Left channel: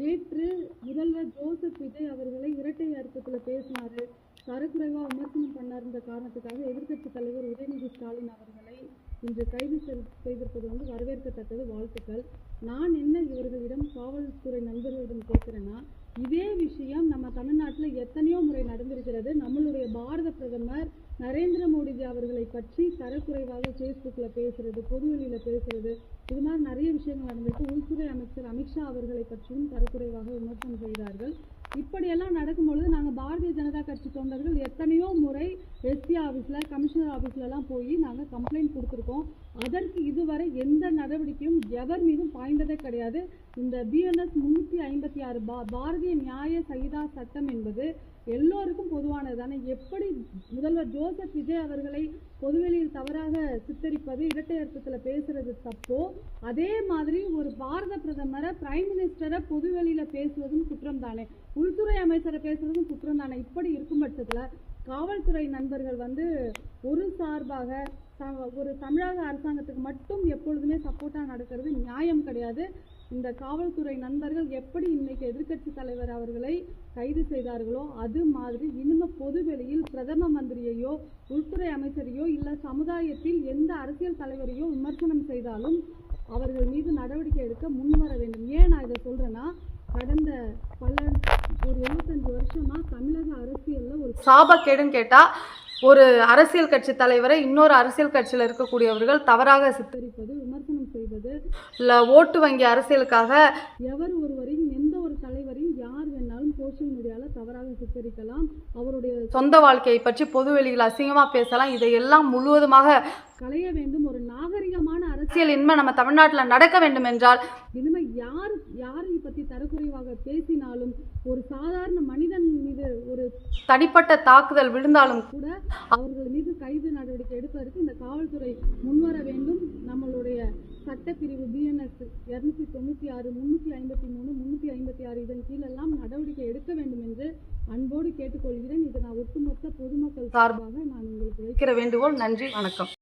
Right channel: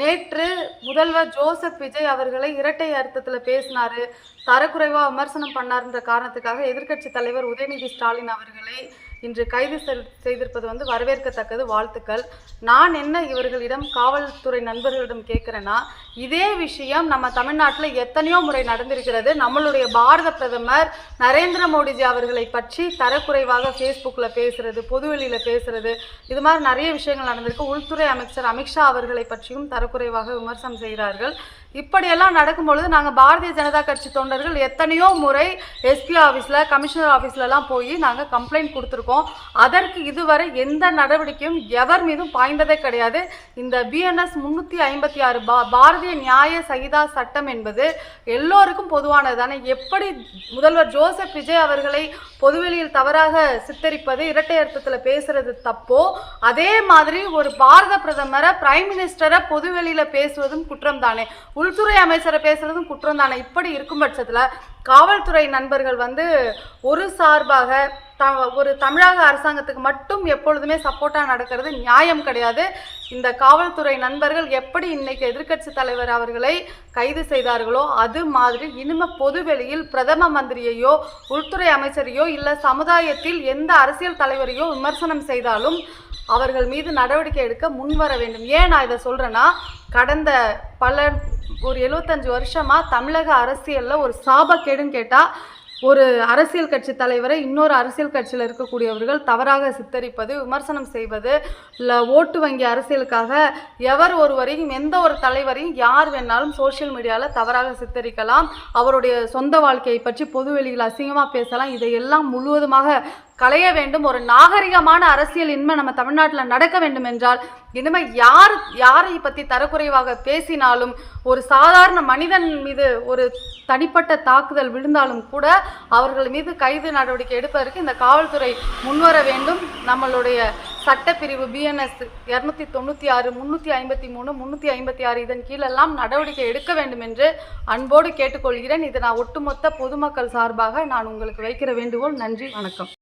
நேற்று முதல்வர் ஜோசப் விஜய் அவர்களை இரட்டை அர்த்தத்தில் பேசினார், தரக்குறைவாக விமர்சனம் பண்ணார்ன்ற காரணத்துக்காக எதிர்க்கட்சி தலைவர் உதயநிதி ஸ்டாலின் அவர்களை இன்று கைது செய்திருப்பது வரவேற்கத்தக்கது, வாழ்த்துக்கள். நான் என்ன இவர்களிடம் காவல்துறை நண்பர்களிடம் கேட்குறேன்னா, இதே விஷயம் நம்ம தமிழ்நாட்டில் எத்தனையோ முறை நடந்திருக்கிறது. நம்மளுடைய பாரத பிரதமர் நரேந்திர மோடிஜி அவர்களை பற்றி தரக்குறைவாக ஃபேஸ்புக்கில் பேசுறது, பொதுவெளியில் பேசுறது, இது மாதிரி நிறைய விஷயங்கள் நடந்திருக்கு. உள்துறை அமைச்சர் அமித்ஷா அவர்களை பற்றியும் தரக்குறைவாக விமர்சனம் செய்கிறார்கள். இப்படியெல்லாம் நடக்கும்பொழுது நாங்கள் பாரதிய ஜனதா கட்சி தொண்டர்கள் எத்தனையோ முறை எஸ்பி ஆஃபீஸில், கமிஷனர் ஆஃபீஸ்லலாம் போய் நாங்கள் கம்ப்ளைண்ட் கொடுத்துருக்கோம். அதற்கு இதுவரை எந்த நடவடிக்கையும் எவர் மீதும் பாய்ந்ததே கிடையாது. இந்த பிஎன்எஸ் 356 பாரதிய நியாய சகிதா சட்டம் என்பது எல்லோருக்கும் பொதுவானது தானே. எப்படி முதல்வர் ஜோசப் விஜய் அவர்களை பொதுவெளியில் தவறாக சித்தரிப்பது, இரட்டை அர்த்தத்தில் பேசுறது தப்போ, அதே மாதிரி ஒரு பாரத பிரதமரை, பிரைம் மினிஸ்டரை பொதுவெளியில் பேசுவதும் குற்றம் தானே, உள்துறை அமைச்சரை பேசுறதும் குற்றம் தானே. இப்படி இருக்கும் பட்சத்தில் காவல்துறை நண்பர்கள் ஒரு சார்பாக ஒரு தமிழக அரசாங்கத்துக்கு மட்டும் எப்பொழுதுமே சப்போர்ட்டாக நடக்கிறது நியாயம் கிடையாது. இந்த காவல்துறை நண்பர்கள் எப்படி இன்னைக்கு எதிர்க்கட்சி தலைவர் அவர்களை கைது செய்தார்களோ அது மாதிரி இனிமே பொதுவெளியில் பிரதம மந்திரியையோ உள்துறை அமைச்சரையோ இல்லை சமுதாயத்தில் எந்த அரசியல் தலைவரையோ விமர்சனம் செய்தாலும் அவர்கள் மீது நடவடிக்கை எடுக்க முன்வர வேண்டும். ஏன் நான் இதை சொல்கிறேன்னா, கடந்த ஒரு 75 வருஷமாக தமிழக அரசியலில் ஒரு சாபக்கேடுன்னு கேட்டால், ஒரு அரசியல் கட்சி தலைவரை இன்னொரு அரசியல் கட்சியில் இருக்கக்கூடியவர்கள் தவறாக சித்தரிப்பது, விமர்சனம் செய்வது, இல்லை ஓட்டு வங்கி அரசியலுக்காக எவர் ஒருவரையும், எந்த ஒரு தலைவரையும் யார் வேணாலும் சோஷியல் மீடியாவில் தவறாக சித்தரிக்கலாம், அவருடைய சொந்த வாழ்க்கையை பற்றி பொதுவெளியில் அசிங்கமாக பேசலாம். இதையெல்லாம் முழுவதுமாக களைய வேண்டும். ஒரு நாகரிகமான அரசியல் இனிமே நம்ம தமிழ்நாட்டில் நடக்க வேண்டும் என்றால், இனிமேல் யாரை பற்றி தரக்குறைவாக பேசினாலும், ஒரு சாதாரண மனிதன் மீது ஒரு தனிப்பட்ட தாக்குதல் விழுந்தாலும் கூட அவர்கள் மீது கைது நடவடிக்கை எடுப்பதற்கு இந்த காவல்துறை முன்வர வேண்டும். நம்மளுடைய சட்டப்பிரிவு பிஎன்எஸ் 296, 353, 356 இதன் கீழெல்லாம் நடவடிக்கை எடுக்க வேண்டும் என்று அன்போடு கேட்டுக்கொள்கிறேன். இது நான் ஒட்டுமொத்த பொதுமக்கள் சார்பாக நான் உங்களுக்கு வைக்கிற வேண்டுகோள். நன்றி, வணக்கம்.